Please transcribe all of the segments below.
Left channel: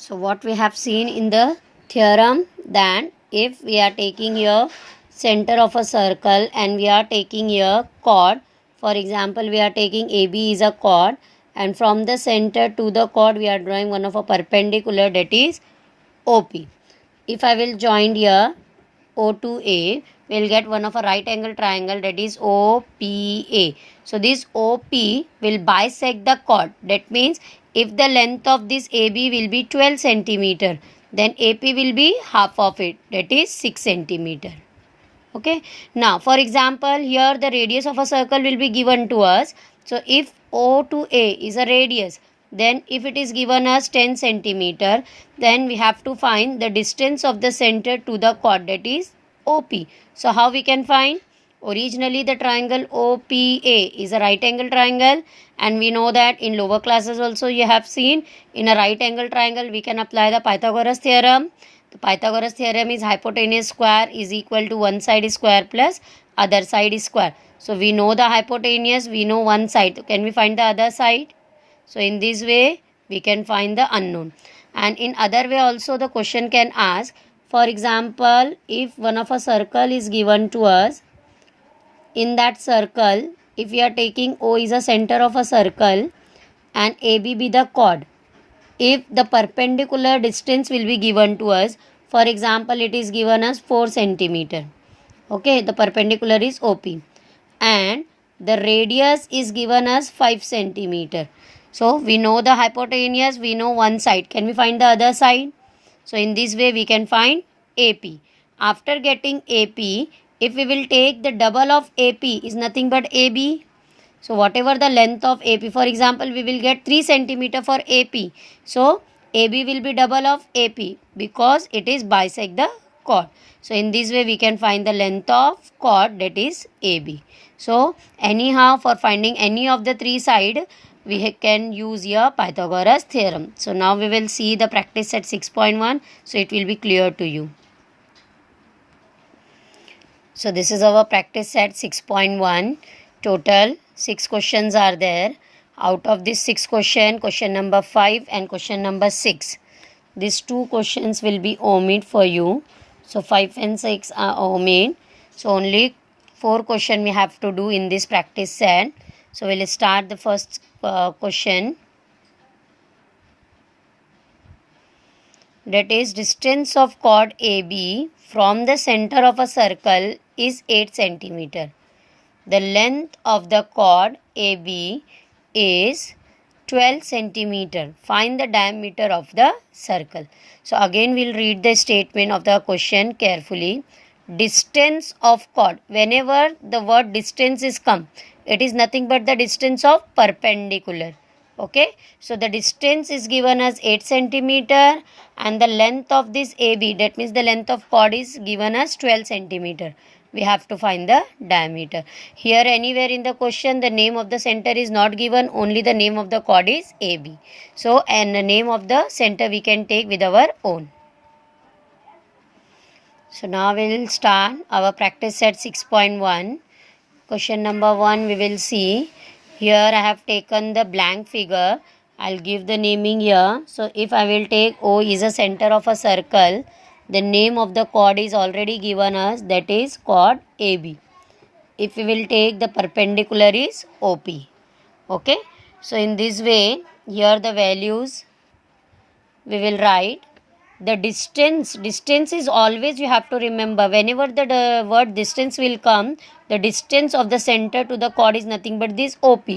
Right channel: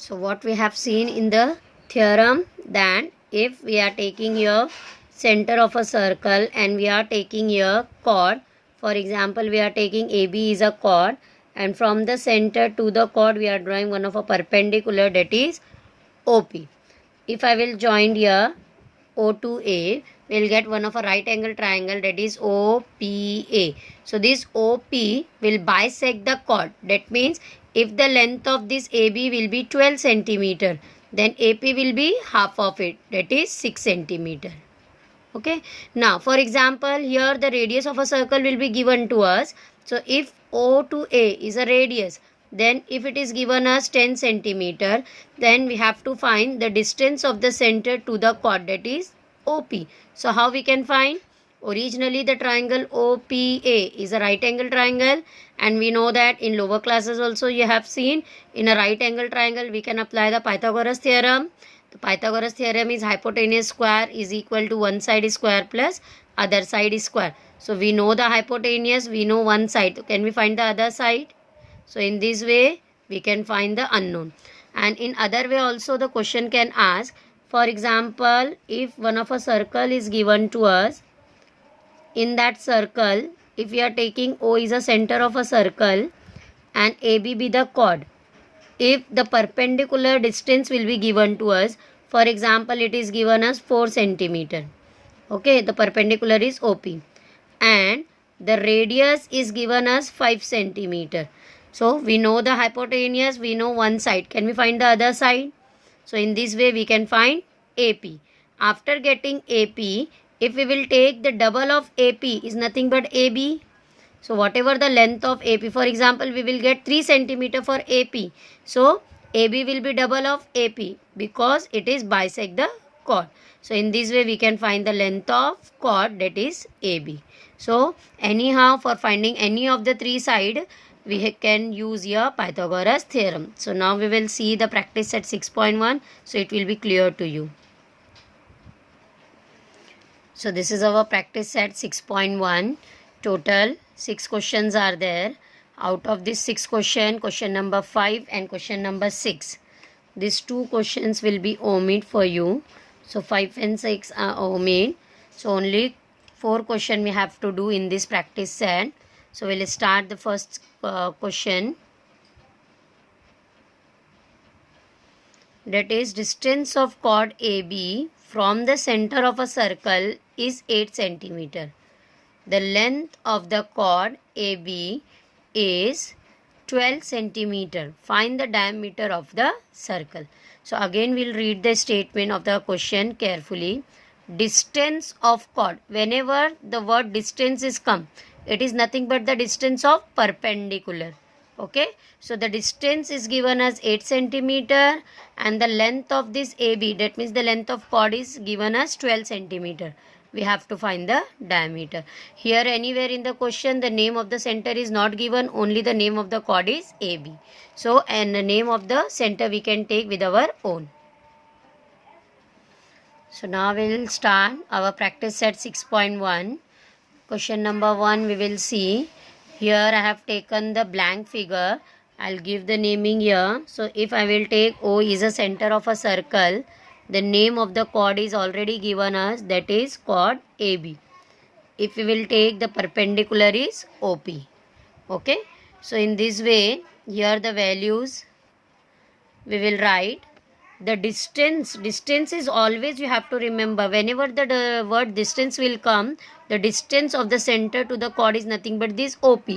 So what we have seen in the theorem, that if we are taking here center of a circle and we are taking here chord, for example we are taking AB is a chord, and from the center to the chord we are drawing one of a perpendicular, that is OP. If I will join here O to A, we will get one of a right angle triangle, that is OPA. So this OP will bisect the chord. That means if the length of this AB will be 12 centimeter, then AP will be half of it, that is 6 centimeter. Okay. Now for example, here the radius of a circle will be given to us. So if O to A is a radius, then if it is given as 10 centimeter, then we have to find the distance of the center to the chord, that is OP. So how we can find? Originally the triangle OPA is a right angle triangle, and we know that in lower classes also you have seen in a right angle triangle we can apply the Pythagoras theorem. The Pythagoras theorem is hypotenuse square is equal to one side is square plus other side is square. So we know the hypotenuse, we know one side. Can we find the other side? So in this way we can find the unknown. And in other way also the question can ask, for example, if one of a circle is given to us, in that circle if we are taking O is a center of a circle and AB be the chord, if the perpendicular distance will be given to us, for example it is given as 4 centimeter, okay, the perpendicular is OP, and the radius is given as 5 centimeter. So we know the hypotenuse, we know one side. Can we find the other side? So in this way we can find AP. After getting AP, if we will take the double of AP is nothing but AB. So whatever the length of AP, for example we will get 3 centimeter for AP. So AB will be double of AP because it is bisect the chord. So in this way we can find the length of chord, that is AB. So anyhow for finding any of the three side we can use your Pythagoras theorem. So now we will see the practice set 6.1, so it will be clear to you. So this is our practice set 6.1. Total 6 questions are there. Out of this 6 question, question number 5 and question number 6, these 2 questions will be omit for you. So 5 and 6 are omit. So only 4 question we have to do in this practice set. So we'll start the first question. That is, distance of chord AB from the center of a circle is 8 centimeter. The length of the chord AB is 12 centimeter. Find the diameter of the circle. So again we'll read the statement of the question carefully. Distance of chord. Whenever the word distance is come, it is nothing but the distance of perpendicular. Okay. So the distance is given as 8 centimeter and the length of this AB, that means the length of chord, is given as 12 centimeter. We have to find the diameter. Here anywhere in the question the name of the center is not given, only the name of the chord is AB. So and the name of the center we can take with our own. So now we will start our practice set 6.1. Question number 1 we will see. Here I have taken the blank figure. I'll give the naming here. So if I will take O is a center of a circle, the name of the chord is already given us, that is chord AB. If we will take the perpendicular is OP. Okay. So in this way here the values we will write. The distance is always, you have to remember, whenever the word distance will come, the distance of the center to the chord is nothing but this OP.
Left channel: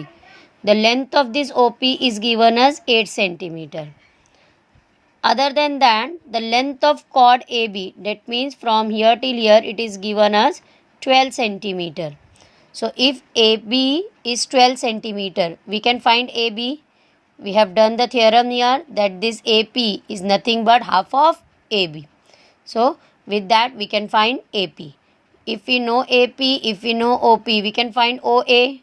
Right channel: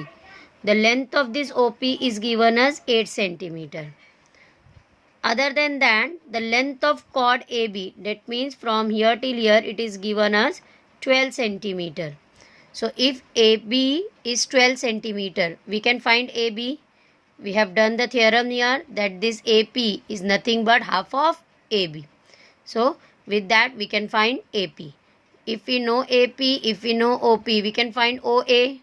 The length of this OP is given as 8 centimeter. Other than that, the length of chord AB, that means from here till here, it is given as 12 centimeter. So if AB is 12 centimeter, we can find AB. We have done the theorem here that this AP is nothing but half of AB. So with that we can find AP. If we know AP, if we know OP, we can find OA.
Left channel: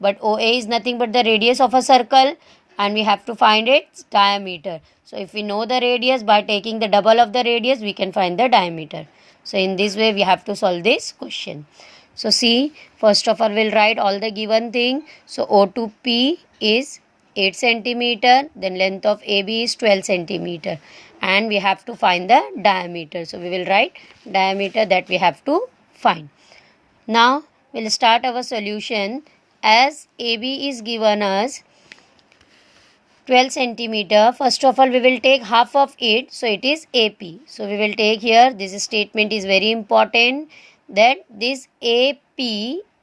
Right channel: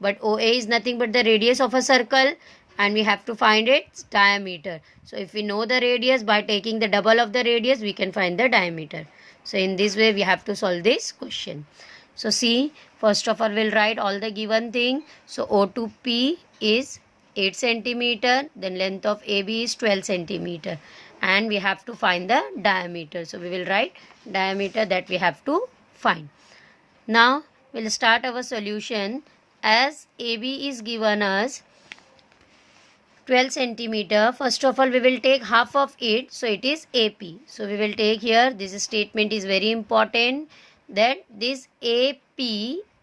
But OA is nothing but the radius of a circle and we have to find its diameter. So if we know the radius, by taking the double of the radius we can find the diameter. So in this way we have to solve this question. So see, first of all we'll write all the given thing. So O to P is 8 centimeter, then length of AB is 12 centimeter, and we have to find the diameter. So we will write diameter that we have to find. Now we'll start our solution. As AB is given as 12 centimeter, first of all we will take half of it, so it is AP. So we will take here, this statement is very important, that this AP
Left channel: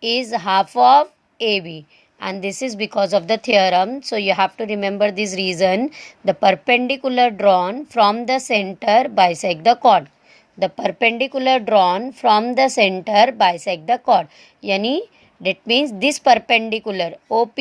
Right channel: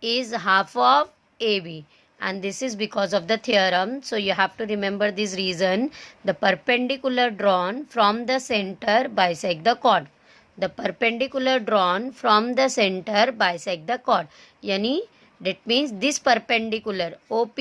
is half of AB, and this is because of the theorem. So you have to remember this reason. The perpendicular drawn from the center bisect the chord. The perpendicular drawn from the center bisect the chord. Yani that means this perpendicular OP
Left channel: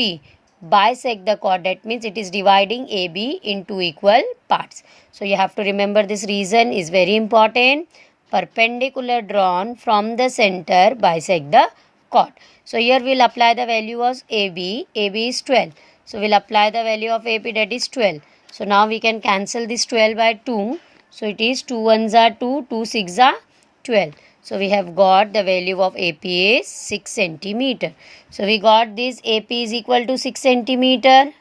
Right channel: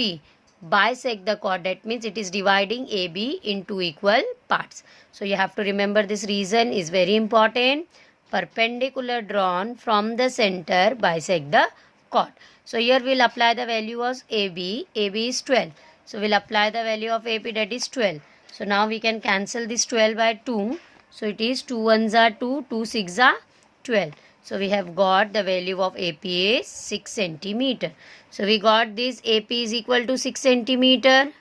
bisect the chord. That means it is dividing AB into equal parts. So you have to remember this reason is very important. Perpendicular drawn from the center bisect the chord. So here we'll apply the value of AB. AB is 12. So we'll apply the value of AP, that is 12. So now we can cancel this 12 by 2. So it is 2 ones are 2, 2 6 are 12. So we have got the value of AP is 6 centimeter. So we got this AP is equal to 6 centimeter.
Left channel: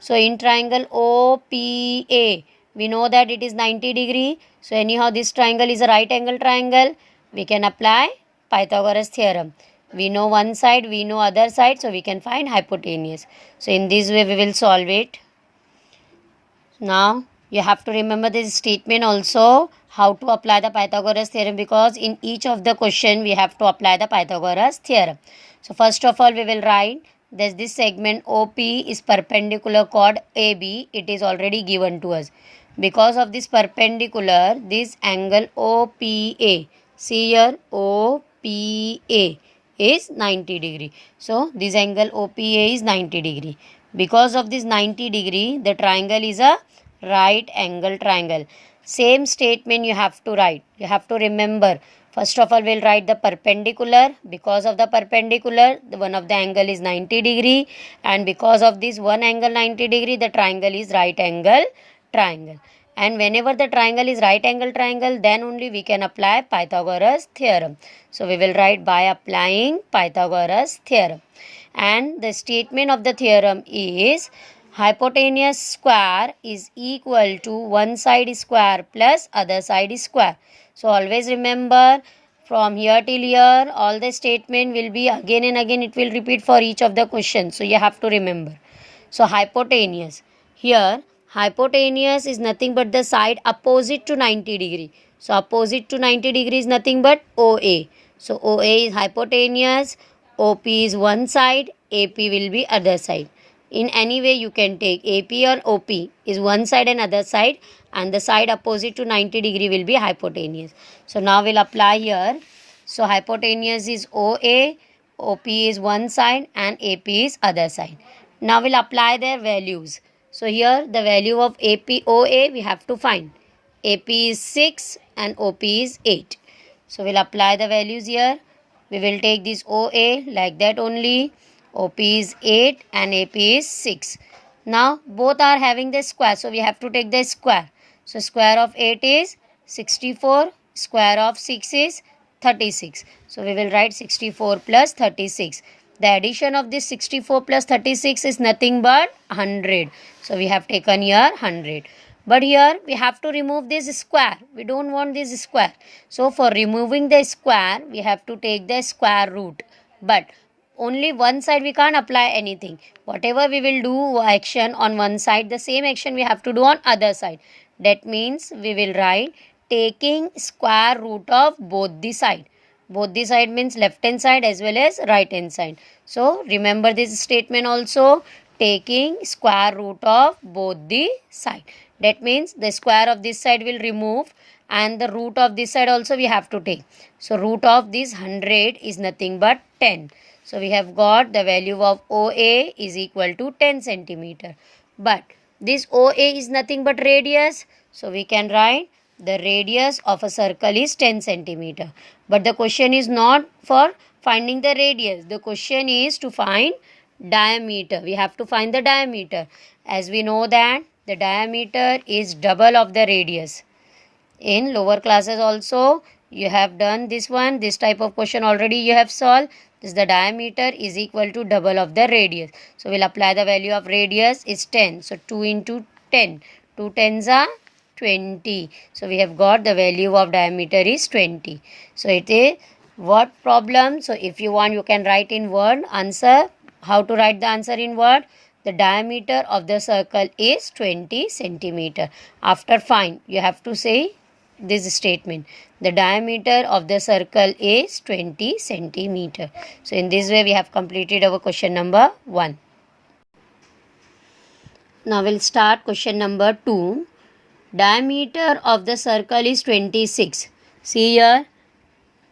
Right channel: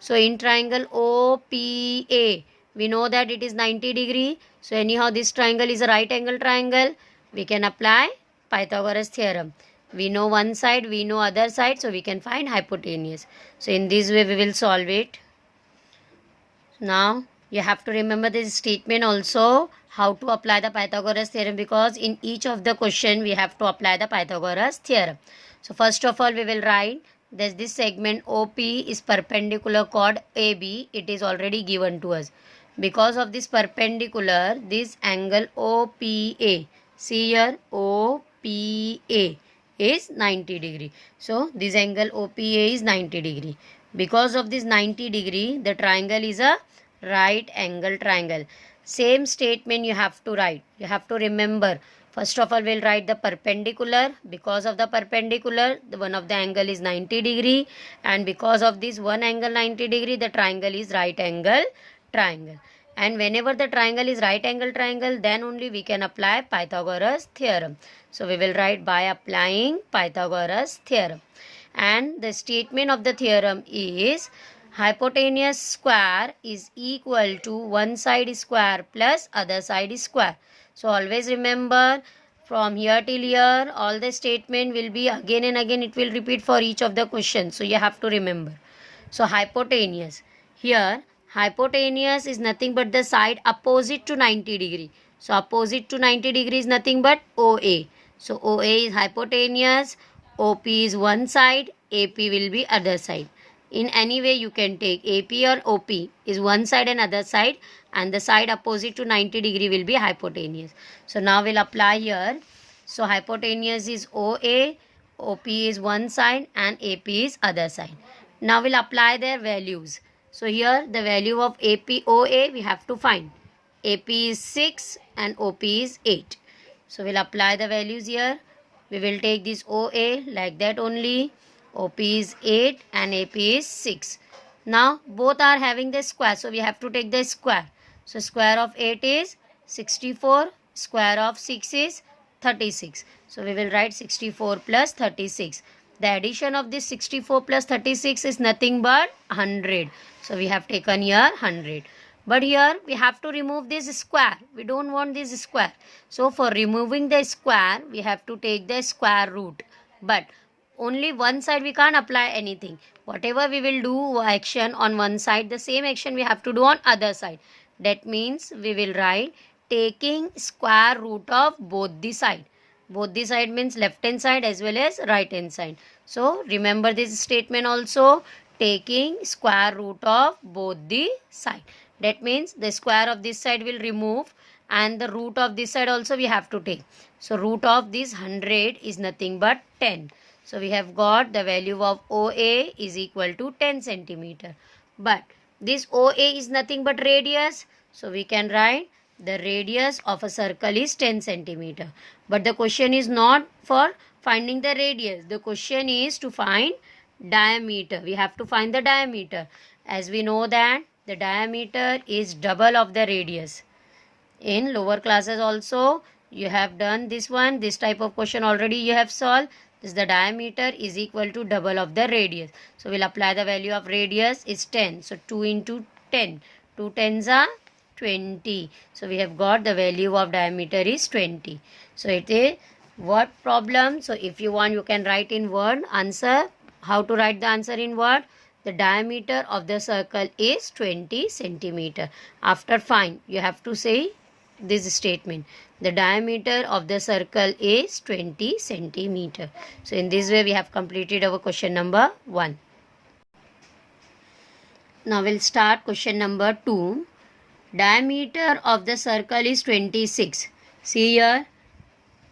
So in triangle OPA, we know that it is 90 degree. So anyhow this triangle is a right angle triangle. We can apply Pythagoras theorem. We know one side, we know other side, so we can find hypotenuse. So in this way we will solve it. Now you have to remember this statement also, how to apply the Pythagoras theorem, because in each of the question we have to apply the Pythagoras theorem. So first of all we will write that this segment OP is perpendicular chord AB. It is already given to us. Because of this perpendicular, this angle OPA, see here OPA is 90 degree. So this angle OPA is 90 degree. Because of this 90 degree, the triangle is a right angle triangle. Same statement you have to write. You have to remember. First of all, we'll write the perpendicular. Because of the perpendicular, the one of the angle is 90 degree. And because of this one angle 90 degree, the triangle is right angle triangle. And whenever the triangle is right angle triangle, then only we can apply Pythagoras theorem. So we will write by applying Pythagoras theorem. And the statement of the theorem is hypotenuse square is equal to one side square plus other side square. So always remember, from here till here all the statement will be again and again, it will repeat for each of the questions. So you have to remember. So hypotenuse, here hypotenuse is nothing but the side opposite to 90 degree. So opposite to 90 degree is nothing but OA. So OA is hypotenuse, OP is one side, AP will be other side. In any way you can take AP or OP is one side and other side, and the side opposite to 90 degree will be hypotenuse. So now we'll apply here. So hypotenuse is OA, OP is one side and AP is other side. Now we'll apply their values. So here the value of AP OA we have to find. AP is 6 and OP is 8. So we'll apply the values here. We will take this OA like that only. OP is 8 and AP is 6. Now both are having the square, so we have to take the square. So square of 8 is 64, square of 6 is 36. So we will write 64 plus 36. The addition of this 64 plus 36 is nothing but 100. So we have taken here 100. But here we have to remove this square. We don't want this square. So for removing the square, we have to take the square root. But only one side we can't apply anything. Whatever we will do action on one side, the same action we have to do on other side. That means we will write taking square root of both the side. Both the side means left hand side as well as right hand side. So remember this statement also, taking square root of both the side. That means the square of this side will remove and the root of this side also we have to take. So root of this 100 is nothing but 10. So we have got the value of OA is equal to 10 centimeter. But this OA is nothing but radius. So we can write the radius of a circle is 10 centimeter. But the question is not for finding the radius. The question is to find diameter. We have to find the diameter. As we know that the diameter is double of the radius. In lower classes also you have done this one. This type of question already you have solved. This the diameter is equal to double of the radius. So we'll apply the value of radius is 10. So 2 into 10. 2 tens are 20. So we have got the value of diameter is 20. So it is what problem? So if you want, you can write in word answer. How to write the answer in word? The diameter of the circle is 20 centimeter. After find, you have to say this statement. The diameter of the circle is 20 centimeter. So in this way we have completed our question number 1. Now we'll start question number 2. Diameter of the circle is 26. See here,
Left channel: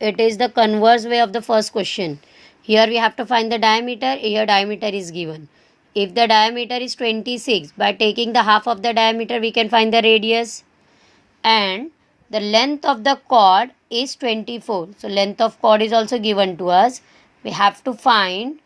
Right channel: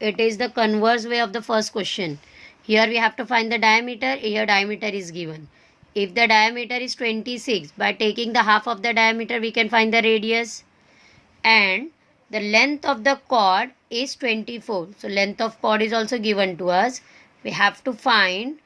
it is the converse way of the first question. Here we have to find the diameter. Here diameter is given. If the diameter is 26, by taking the half of the diameter we can find the radius. And the length of the chord is 24. So length of chord is also given to us. We have to find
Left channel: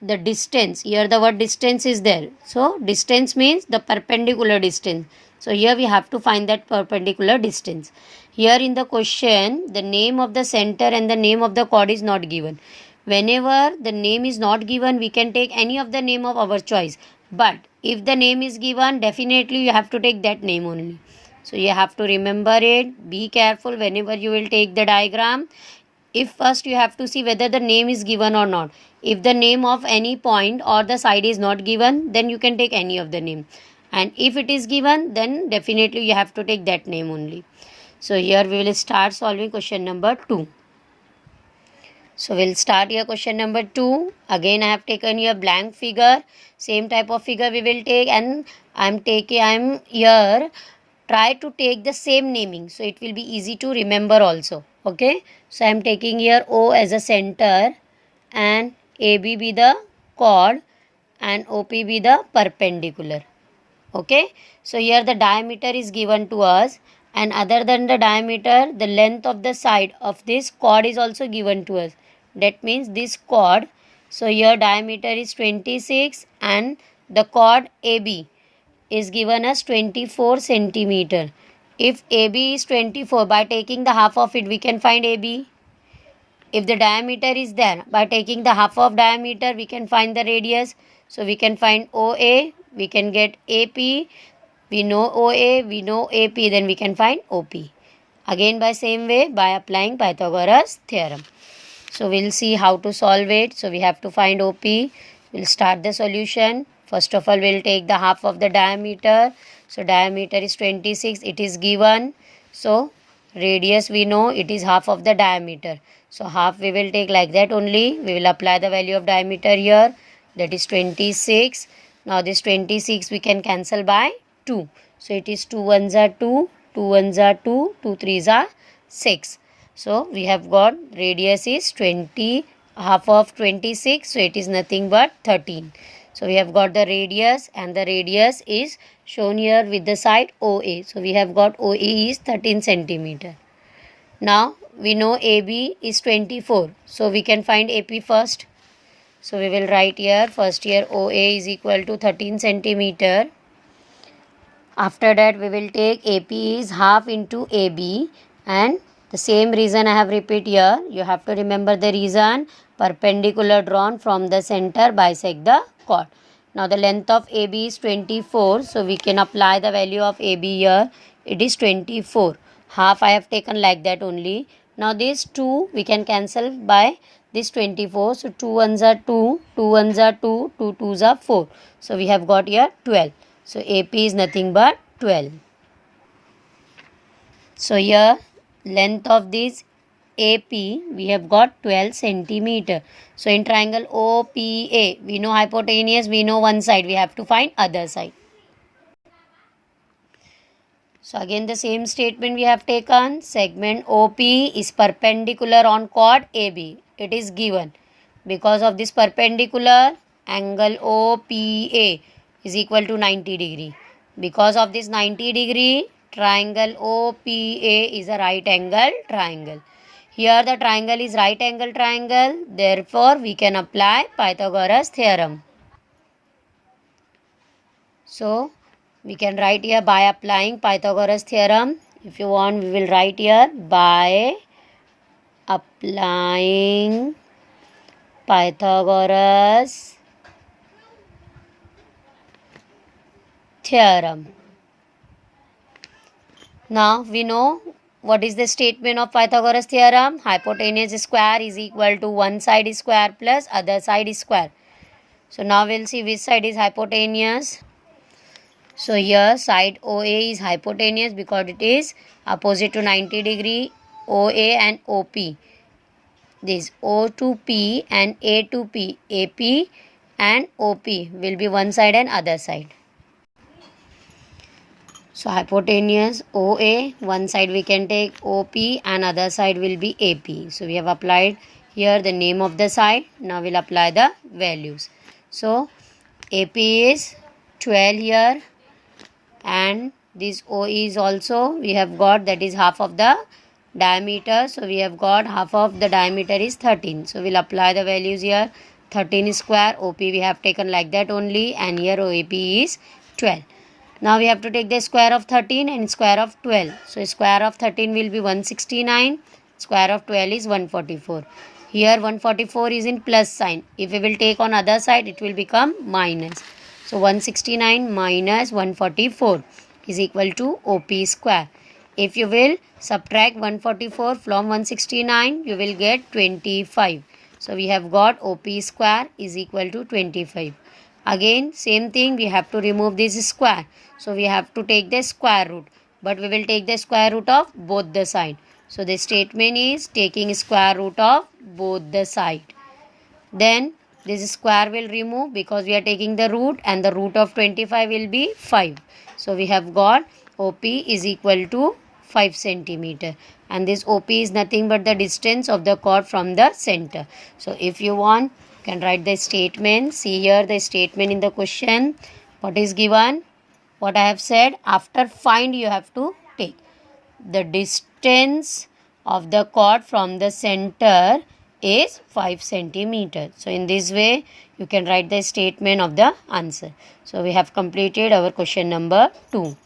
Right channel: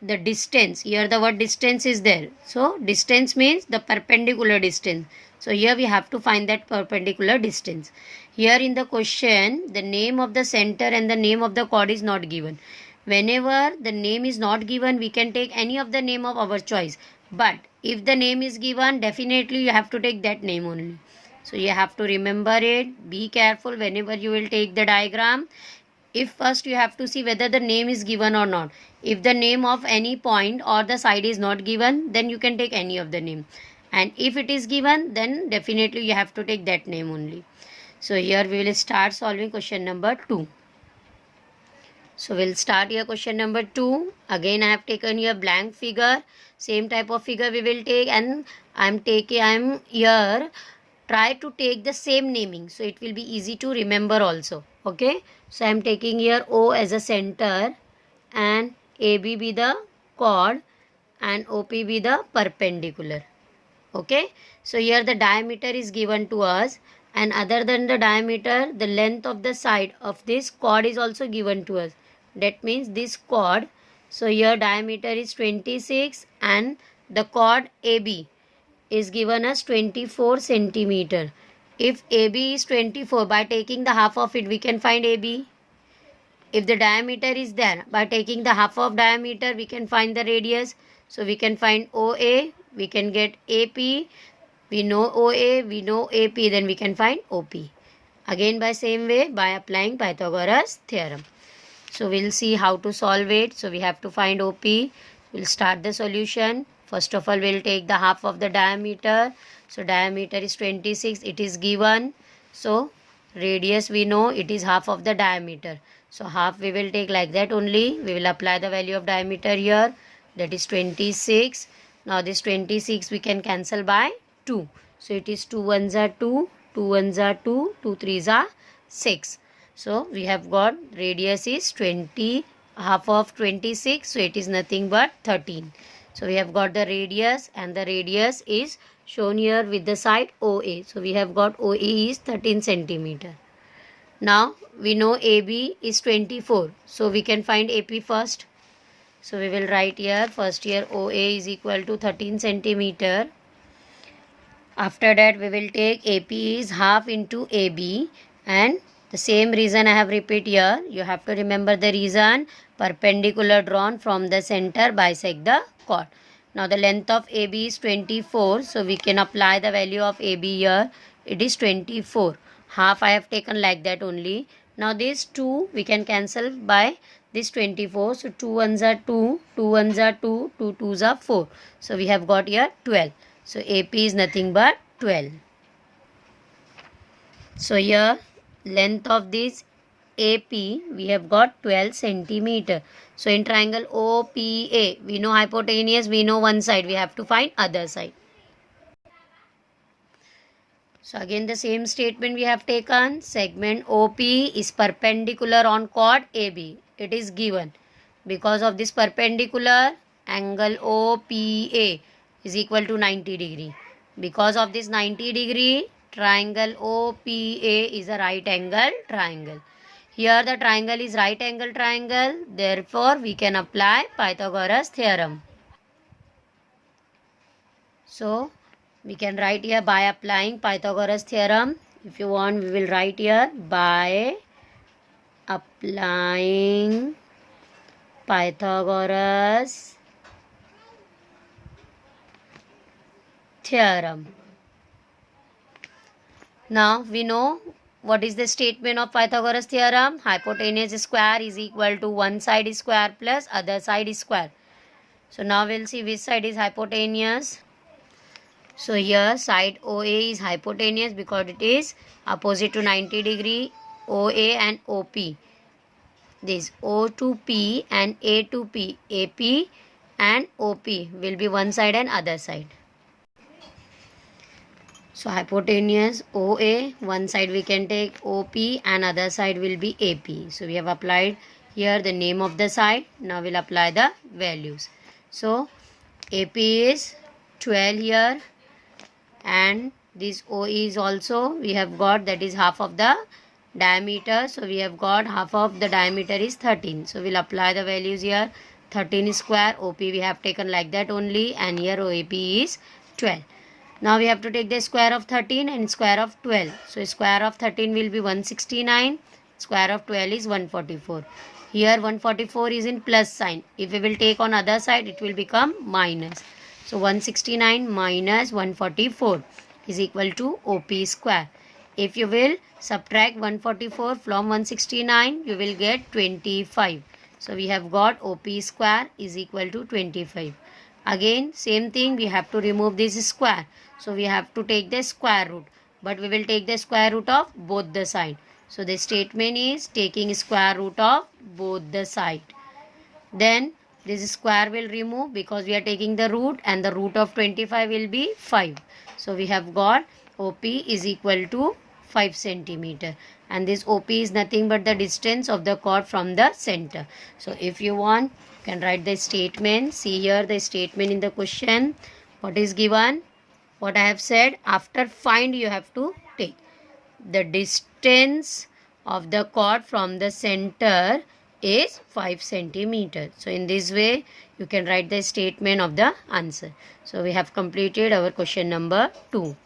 the distance. Here the word distance is there. So distance means the perpendicular distance. So here we have to find that perpendicular distance. Here in the question, the name of the center and the name of the chord is not given. Whenever the name is not given, we can take any of the name of our choice. But if the name is given, definitely you have to take that name only. So you have to remember it. Be careful whenever you will take the diagram. If first you have to see whether the name is given or not. If the name of any point or the side is not given, then you can take any of the name. And if it is given, then definitely you have to take that name only. So here we will start solving question number 2. So we'll start here question number 2. Again I have taken here blank figure. Same type of figure we will take, and I'm here try to take the same naming, so it will be easy to remember also. Okay, so I'm taking here O as a center and AB be the chord and OP be the perpendicular. Okay, so here the diameter is given to us, and other than the diameter, the length of the side of this chord is also given to us. That means this chord, so here diameter is 26 and the chord AB is given as 24 centimeter. If AB is 24, by taking the half of it we can find AB. If the diameter is there, by taking the half of diameter we can find the radius. So we can find OA, we can get AP, we know OA, we know AP, then we can find OP. Again by same way, by applying Pythagoras theorem. So we'll see how to solve it. So we have to find OP. We'll start the solution. First of all, we'll take the half of the diameter. So diameter is 26, it is given. So radius we know it is half of the diameter. So half we will take like that only. We will apply the value of diameter here. That is 26. Now this 26 we can cancel by 2. So it is 2 ones are 2, 2 ones are 2, 2 threes are 6. So we have got radius is 20, half of 26. So it is nothing but 13. So we have got the radius, and the radius is shown here with the side OA. So we have got OA is 13 centimeter. Now we know AB is 24. So we can find AP first. So we will write here first here OA is equal to 13 centimeter. After that we will take AP is half into AB, and the same reason I have repeat here. You have to remember the reason. Perpendicular drawn from the center bisect the chord. Now the length of AB is 24. So we can apply the value of AB here. It is 24. Half I have taken like that only. Now this 2 we can cancel by this 24. So 2 ones are 2, 2 ones are 2, 2 twos are 4. So we have got here 12. So AP is nothing but 12. So here length of this AP we have got 12 centimeter. So in triangle OPA, we know hypotenuse, we know one side, we have to find other side. So again the same statement we have taken. Segment OP is perpendicular on chord AB. It is given. Because of this perpendicular, angle OPA is equal to 90 degree. Because of this 90 degree, triangle OPA is a right angle triangle. Here the triangle is right angle triangle. Therefore, we can apply Pythagoras theorem. So, we can write here by applying Pythagoras theorem. If you want, we will write here by applying Pythagoras theorem. Now we know what is the statement of Pythagoras theorem. Hypotenuse square is equal to one side is square plus other side is square. So now we'll see which side is hypotenuse. So here side OA is hypotenuse because it is opposite to 90 degree. OA and OP. This O to P and A to P. AP and OP will be one side and other side. So hypotenuse OA, one side we can take OP and other side will be AP. So we have applied here the name of the side. Now we'll apply the values. So AP is 12 here and this OE is also we have got, that is half of the diameter. So we have got half of the diameter is 13. So we'll apply the values here. 13 square, OP we have taken like that only, and here OAP is 12. Now we have to take the square of 13 and square of 12. So square of 13 will be 169. Square of 12 is 144. Here 144 is in plus sign. If we will take on other side, it will become minus. So 169 minus 144 is equal to OP square. If you will subtract 144 from 169, you will get 25. So we have got OP square is equal to 25. Again same thing, we have to remove this square. So we have to take the square root, but we will take the square root of both the side. So the statement is taking square root of both the side. Then this square will remove because we are taking the root, and the root of 25 will be 5. So we have got OP is equal to 5 centimeter, and this OP is nothing but the distance of the chord from the center. So if you want, you can write the statement. See here the statement in the question. What is given? What I have said, after find you have to take the distance of the chord from the center is 5 centimeters. So in this way you can write the statement of the answer. So we have completed our question number 2.